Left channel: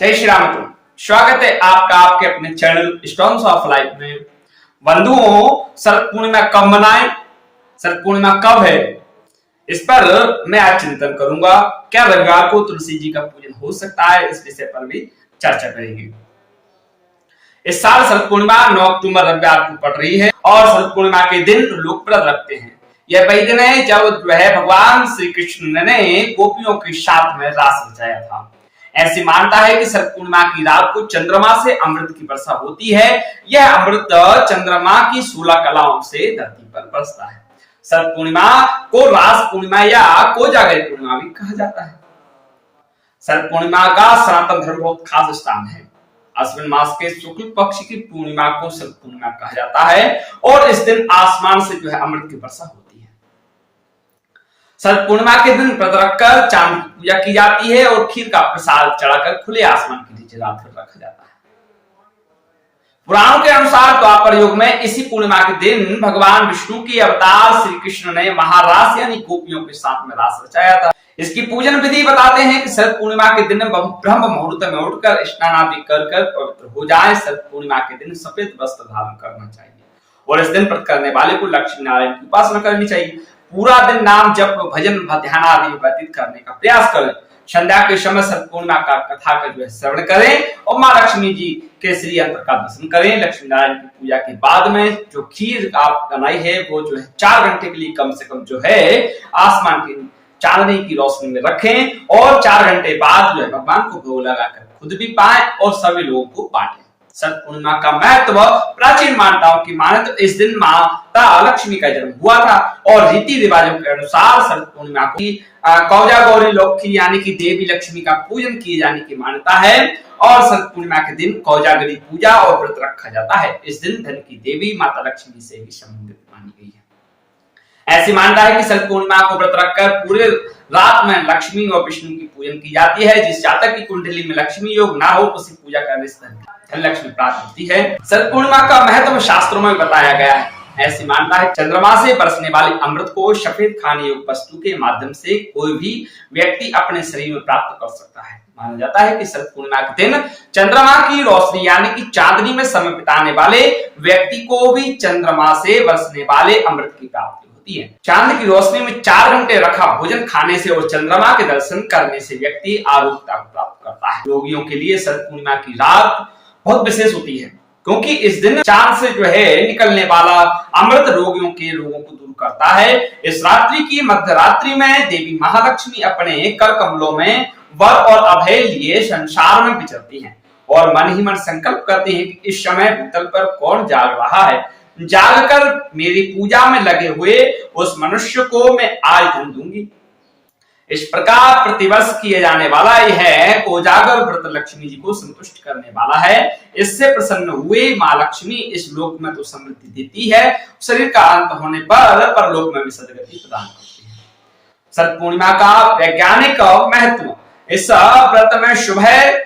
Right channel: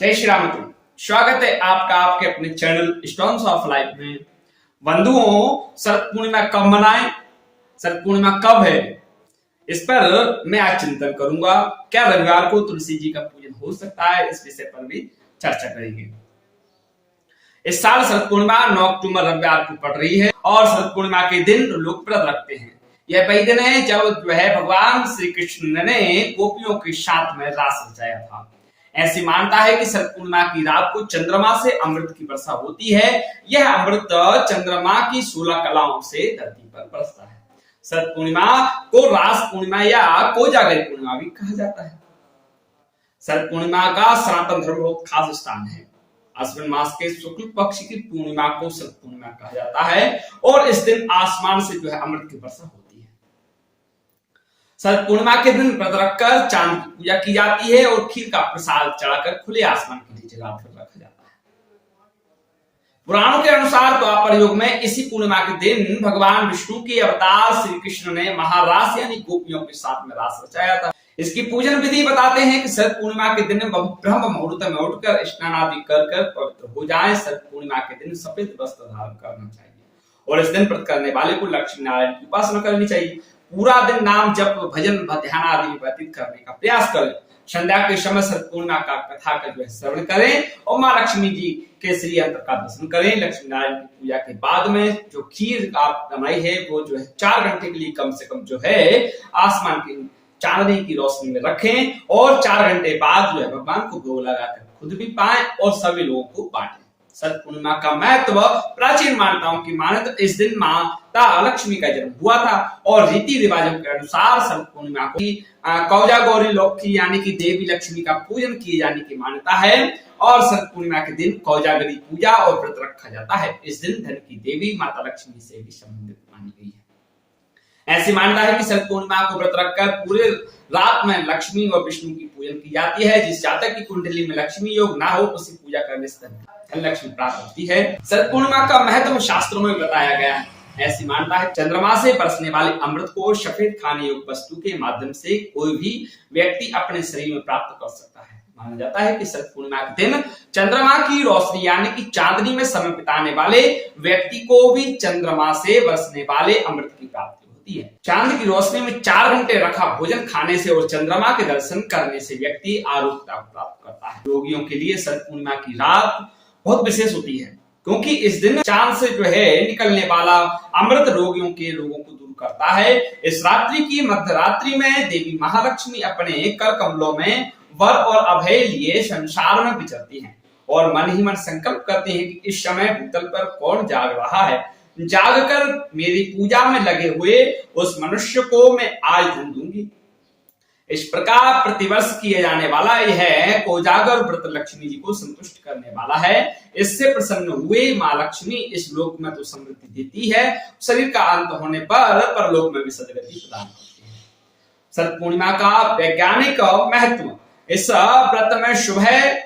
जय श्री राम मित्रों, स्वागत है आपका आपके अपने चैनल स्टोन्स ऑफ लाइफ में। बंधुओं, शरद पूर्णिमा कब मनाएं, शरद पूर्णिमा कब है, इस पर मैं आज चिंतन करूंगा। क्या रविवार को तुलसी जी का पूजन हो सकता है, इस विषय पर भी चर्चा करेंगे। इस साल शरद पूर्णिमा 9 अक्टूबर रविवार को पड़ रही है और शरद पूर्णिमा के दिन लोग व्रत रखते हैं। यह वही दिन है जब भगवान श्री कृष्ण ने गोपियों के साथ में रास रचाया था। ऐसी मान्यता है कि शरद पूर्णिमा की रात को चंद्रमा से अमृत की वर्षा होती है। यह अमृत चंद्रमा की 16 कलाओं से धरती पर बरसता है। शरद पूर्णिमा को रास पूर्णिमा या कोजागरी पूर्णिमा भी कहा जाता है। शरद पूर्णिमा का सनातन धर्म बहुत खास स्थान है। अश्विन मास के शुक्ल पक्ष की पूर्णिमा को शरद पूर्णिमा कहा जाता है और इस दिन आसमान से अमृत की वर्षा होती है। शरद पूर्णिमा के दिन व्रत रखकर चांद की पूजा की जाती है और खीर का प्रसाद चढ़ाकर खुले आसमान के नीचे रात भर रखा जाता है। पुराणों के अनुसार द्वापर युग में इसी पूर्णिमा के दिन भगवान विष्णु के अवतार श्री कृष्ण ने महारास यानी गोपियों के साथ में रास रचाया था। इसकी पूजन विधि बताते हैं कि शरद पूर्णिमा के दिन ब्रह्म मुहूर्त में उठकर स्नान आदि कर पवित्र हो जाए। शरद पूर्णिमा के दिन सफेद वस्त्र धारण करना चाहिए और इस दिन व्रत करने वाले को लक्ष्मी नारायण की उपासना करनी चाहिए। पूरा दिन नाम जप भजन ध्यान आदि में व्यतीत करने का प्रयास करें। संध्या के समय शरद पूर्णिमा का कथा का श्रवण करें और माँ लक्ष्मी जी के श्री यंत्र का दर्शन करें। लक्ष्मी नारायण की पूजा के बाद में जो खीर आप बनाई है वो 4 घंटे के लिए कम से कम आसमान की चांदनी की रोशनी में रखें और 4 घंटे बाद भगवान को भोग लगाकर खुद भी पाएं और सभी लोगों को बांटें। शरद पूर्णिमा का महत्व प्राचीन मान्यताओं की माने तो इस दिन माता लक्ष्मी का जन्म हुआ था और रीति रिवाजों के अनुसार शरद पूर्णिमा को कौजा गौरी लक्ष्मी यानी कि देवी लक्ष्मी का पूजन किए जाने की मान्यता है और शरद पूर्णिमा के दिन कौजागरी पूजा और व्रत रखा जाता है। इस दिन धन की देवी माता लक्ष्मी से भी संबंधित मानी गई है। ऐसी मान्यता है कि शरद पूर्णिमा को व्रत रखकर पूरे रात में लक्ष्मी और विष्णु की पूजन की जाती है। जिस जातक की कुंडली में लक्ष्मी योग ना हो उसे पूजा करने से धन लक्ष्मी प्राप्त होती है। शरद पूर्णिमा का महत्व शास्त्रों में बताया गया है। ऐसी मान्यता है चंद्रमा से बरसने वाले अमृत को सफेद खाने योग्य वस्तु के माध्यम से कोई भी व्यक्ति अपने शरीर में प्राप्त कर सकता है। माना जाता है कि शरद पूर्णिमा के दिन चंद्रमा की रोशनी यानी कि चांदनी में समय बिताने वाले व्यक्ति को भी चंद्रमा से बरसने वाले अमृत की प्राप्ति होती है। चांद की रोशनी में 4 घंटे रखा भोजन खाने से और चंद्रमा के दर्शन करने से व्यक्ति आरोग्यता को प्राप्त करता है। रोगियों के लिए शरद पूर्णिमा की रात बहुत विशेष होती है क्योंकि इस दिन चांद से निकलने वाला अमृत रोगियों के रोगों को दूर करता है। इस रात्रि की मध्य रात्रि में देवी महालक्ष्मी अपने कर कमलों में वर और अभय लिए संसार में विचरती हैं और मन ही मन संकल्प करते हैं कि इस समय भूतल पर कौन जाग रहा है, जागकर मेरी पूजा में लगे हुए उस मनुष्य को मैं आज धन दूंगी। इस प्रकार प्रतिवर्ष किए जाने वाला यह कोजागर व्रत लक्ष्मी जी को संतुष्ट करने वाला है। इससे प्रसन्न हुए माँ लक्ष्मी इस लोक में तो समृद्धि देती है, शरीर का अंत होने पर परलोक में भी सदगति प्रदान करती है। शरद पूर्णिमा का वैज्ञानिक महत्व। इस व्रत में सुबह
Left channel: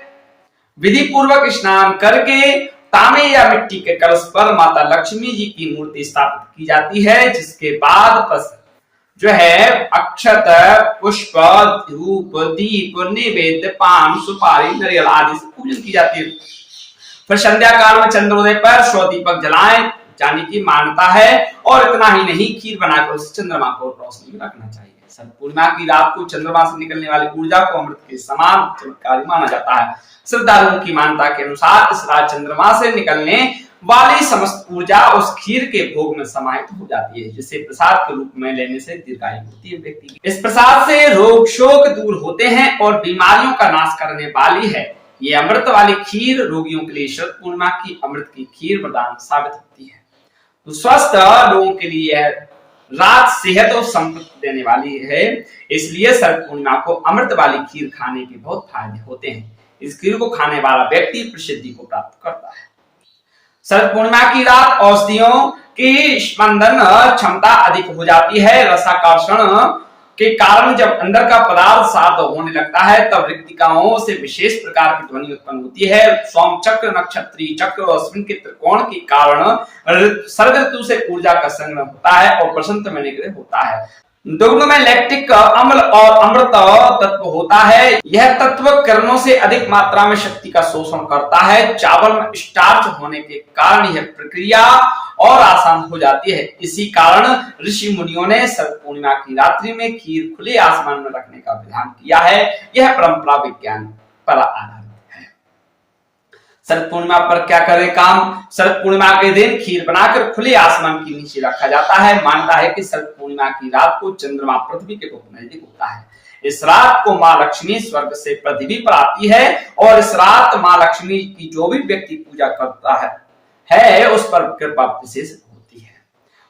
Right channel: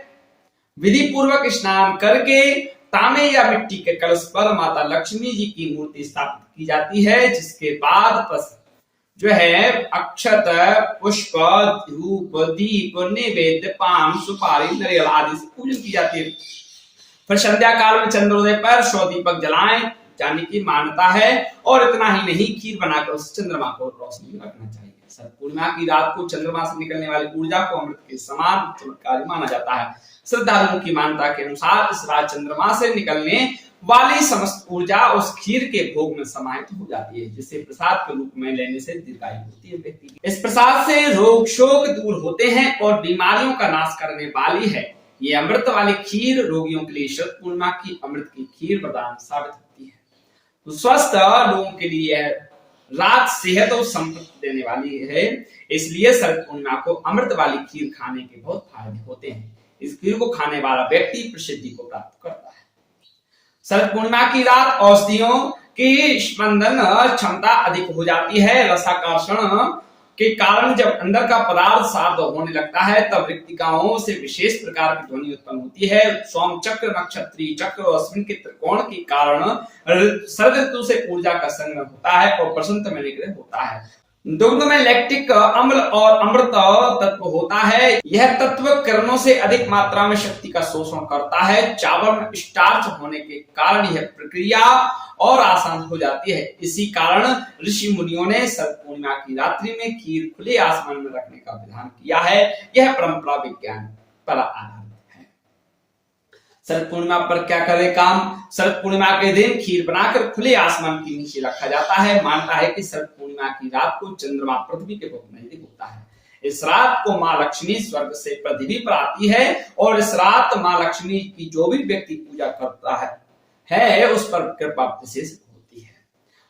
विधि पूर्वक स्नान करके तांबे या मिट्टी के कलश पर माता लक्ष्मी जी की मूर्ति स्थापित की जाती है, जिसके बाद अक्षत पुष्प धूप दीप नैवेद्य पान सुपारी नारियल आदि से पूजन की जाती है। फिर संध्या काल में चंद्रोदय पर 100 दीपक जलाए जाने की मान्यता है और इतना ही नहीं खीर बनाकर उस चंद्रमा को रोशनी में रखना चाहिए। शरद पूर्णिमा की रात को चंद्रमा से निकलने वाली ऊर्जा को अमृत के समान चमत्कारी माना जाता है। श्रद्धालुओं की मान्यता के अनुसार इस रात चंद्रमा से निकलने वाली समस्त ऊर्जा उस खीर के भोग में समाहित हो जाती है, जिसे प्रसाद के रूप में लेने से दीर्घायु होती है व्यक्ति की। इस प्रसाद से रोग शोक दूर होते हैं और बीमारियों का नाश करने वाली है। ये अमृत वाली खीर रोगियों के लिए शरद पूर्णिमा की अमृत की खीर वरदान साबित होती है। तो स्वस्थ लोगों के लिए रात सेहत और संपत्ति देने वाली है, इसलिए शरद पूर्णिमा को अमृत वाली खीर खाने के बहुत फायदे होते हैं। इस खीर को खाने वाला व्यक्ति प्रसिद्धि को प्राप्त करता है। शरद पूर्णिमा की रात औषधियों की स्पंदन क्षमता अधिक हो जाती है। रसाकर्षण के कारण जब अंदर का पदार्थ शांत होने लगता है तब रिक्तिकाओं से विशेष प्रकार की ध्वनि उत्पन्न होती है। सोम चक्र, नक्षत्रीय चक्र और अश्विन के त्रिकोण के कारण शरद ऋतु से ऊर्जा का संग्रह होता है और बसंत में निग्रह होता है। दुग्ध में लैक्टिक अम्ल और अमृत तत्व होता है। यह तत्व किरणों से अधिक मात्रा में शक्ति का शोषण करता है। चावल में स्टार्च होने के कारण यह प्रक्रिया और आसान हो जाती है। इसी कारण ऋषि मुनियों ने शरद पूर्णिमा की रात्रि में खीर खुले आसमान में रखने का विधान किया है। यह परंपरा विज्ञान पर आधारित है। शरद पूर्णिमा पर क्या करें काम? शरद पूर्णिमा के दिन खीर बनाकर खुले आसमान के नीचे रखा जाता है। मानता है कि शरद पूर्णिमा की रात को चंद्रमा पृथ्वी के बहुत नजदीक होता है। इस रात को माँ लक्ष्मी स्वर्ग से पृथ्वी पर आती है और इस रात माँ लक्ष्मी की जो भी व्यक्ति पूजा करता है उस पर कृपा विशेष होती है।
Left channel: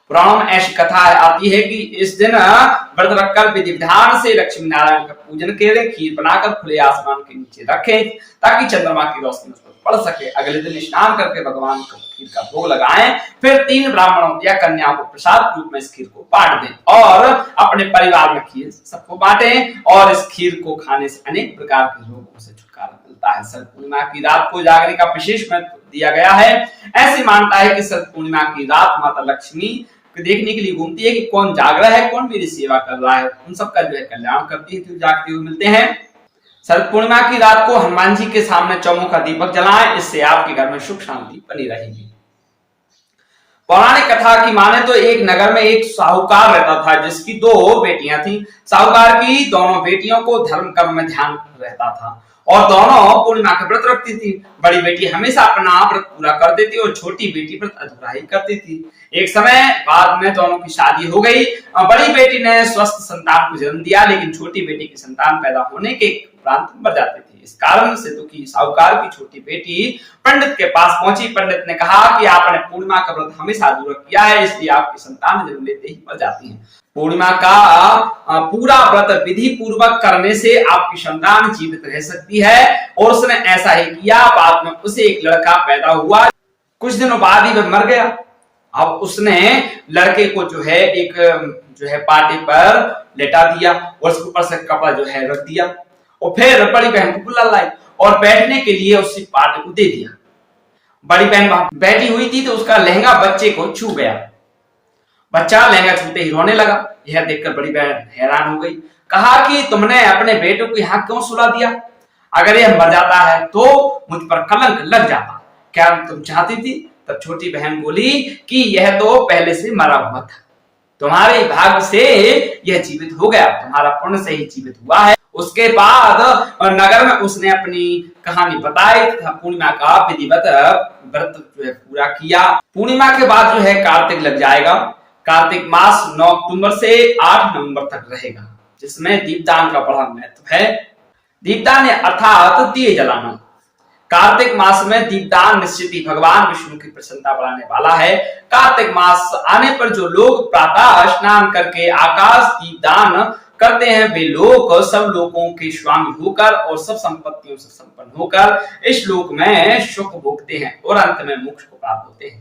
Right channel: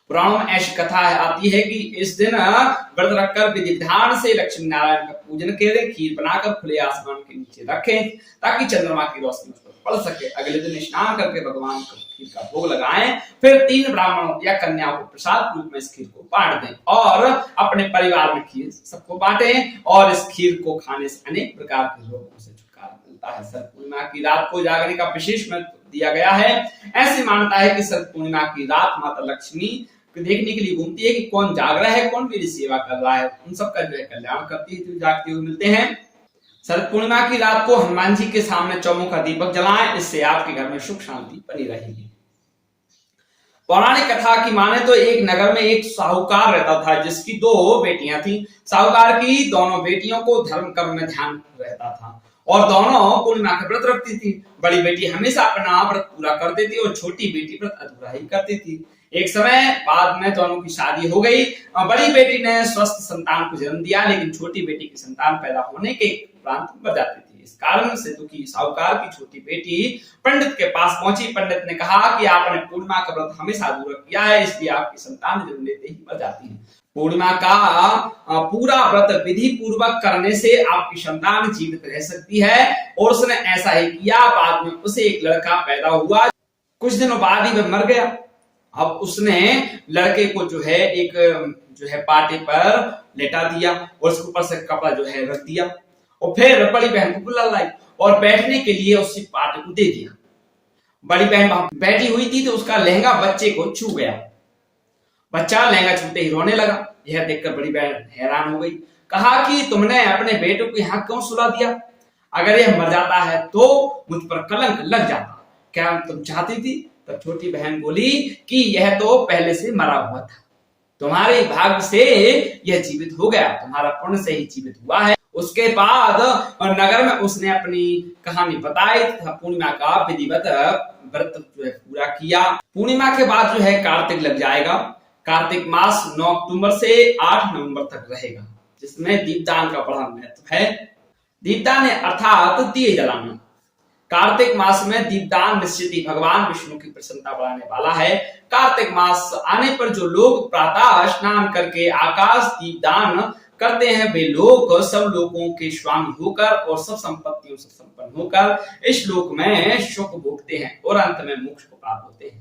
पुराणों में ऐसी कथा आती है कि इस दिन व्रत रखकर विधि विधान से लक्ष्मी नारायण का पूजन करें, खीर बनाकर खुले आसमान के नीचे रखें ताकि चंद्रमा की रोशनी उस पर पड़ सके। अगले दिन स्नान करके भगवान को खीर का भोग लगाएं, फिर 3 ब्राह्मणों या कन्याओं को प्रसाद रूप में इस खीर को बांट दें और अपने परिवार में खीर सबको बांटें और इस खीर को खाने से अनेक प्रकार के रोगों से छुटकारा मिलता है। शरद पूर्णिमा की रात को जागने का विशेष महत्व दिया गया है। ऐसी मानता है कि शरद पूर्णिमा की रात माता लक्ष्मी देखने के लिए घूमती है कि कौन जाग रहा है, कौन मेरी सेवा कर रहा है, उन सबका जो है कल्याण करती है। तो जागते हुए मिलते हैं। शरद पूर्णिमा की रात को हनुमान जी के सामने चौमुखा दीपक जलाएं, इससे आपके घर में सुख शांति बनी रहेगी। पौराणिक कथा की माने तो एक नगर में एक साहूकार रहता था जिसकी 2 बेटियां थी। साहूकार की दोनों बेटियों को धर्म कर्म में ध्यान रहता था और दोनों पूर्णिमा का व्रत रखती थी। बड़ी बेटी हमेशा अपना व्रत पूरा कर देती और छोटी बेटी व्रत अधूरा ही करती थी। एक समय बाद में दोनों की शादी हो गई। बड़ी बेटी ने स्वस्थ संतान को जन्म दिया, लेकिन छोटी बेटी की संतान पैदा होने के उपरांत मर जाती थी। इस कारण से दुखी साहूकार की छोटी बेटी पंडित के पास पहुंची। पंडित ने कहा कि आपने पूर्णिमा का व्रत हमेशा अधूरा किया है, इसलिए आपकी संतान जन्म लेते ही मर जाती है। पूर्णिमा का पूरा व्रत विधि पूर्वक करने से आपकी संतान जीवित रह सकती है और उसने ऐसा ही किया। बाद में उसे एक लड़का पैदा हुआ। कुछ दिनों बाद ही वह मर गया। अब उसने लड़के को जो है पार्टी पर लेटा दिया और उसके ऊपर से कपड़ा जो है रख दिया और फिर बड़ी बहन को बुला लाई और बैठने के लिए उसी पार्टी को दे दिया। बड़ी बहन वहां बैठी हुई थी तो उसका लहंगा बच्चे को छू गया। बच्चा लहंगा छूते ही रोने लगा। यह देखकर बड़ी बहन हैरान हो गई। कहा कि तुमने अपने बेटे को यहाँ क्यों सुला दिया? अगर यह मर जाता है तो मुझ पर कलंक लग जाता। क्या तुम चाहती थी? तब छोटी बहन बोली कि यह तो पहले से मरा हुआ था, तुम्हारे भाग्य से यह जीवित हो गया, तुम्हारा पुण्य से ही जीवित हुआ है। उसके बाद नगर में उसने अपनी कहानी बताई तथा पूर्णिमा का विधिवत व्रत जो है पूरा किया। पूर्णिमा के बाद जो है कार्तिक लग जाएगा। कार्तिक मास 9 अक्टूबर से 8 नवंबर तक रहेगा, जिसमें दीपदान का बड़ा महत्व है। दीपदान अर्थात दिए जलाना। कार्तिक मास में दीपदान निश्चित ही भगवान विष्णु की प्रसन्नता बढ़ाने वाला है। कार्तिक मास आने पर जो लोग प्रातः स्नान करके आकाश दीपदान करते हैं वे लोग सब लोगों के स्वामी होकर और सब संपत्तियों से संपन्न होकर इस लोक में सुख भोगते हैं और अंत में मोक्ष को प्राप्त होते हैं।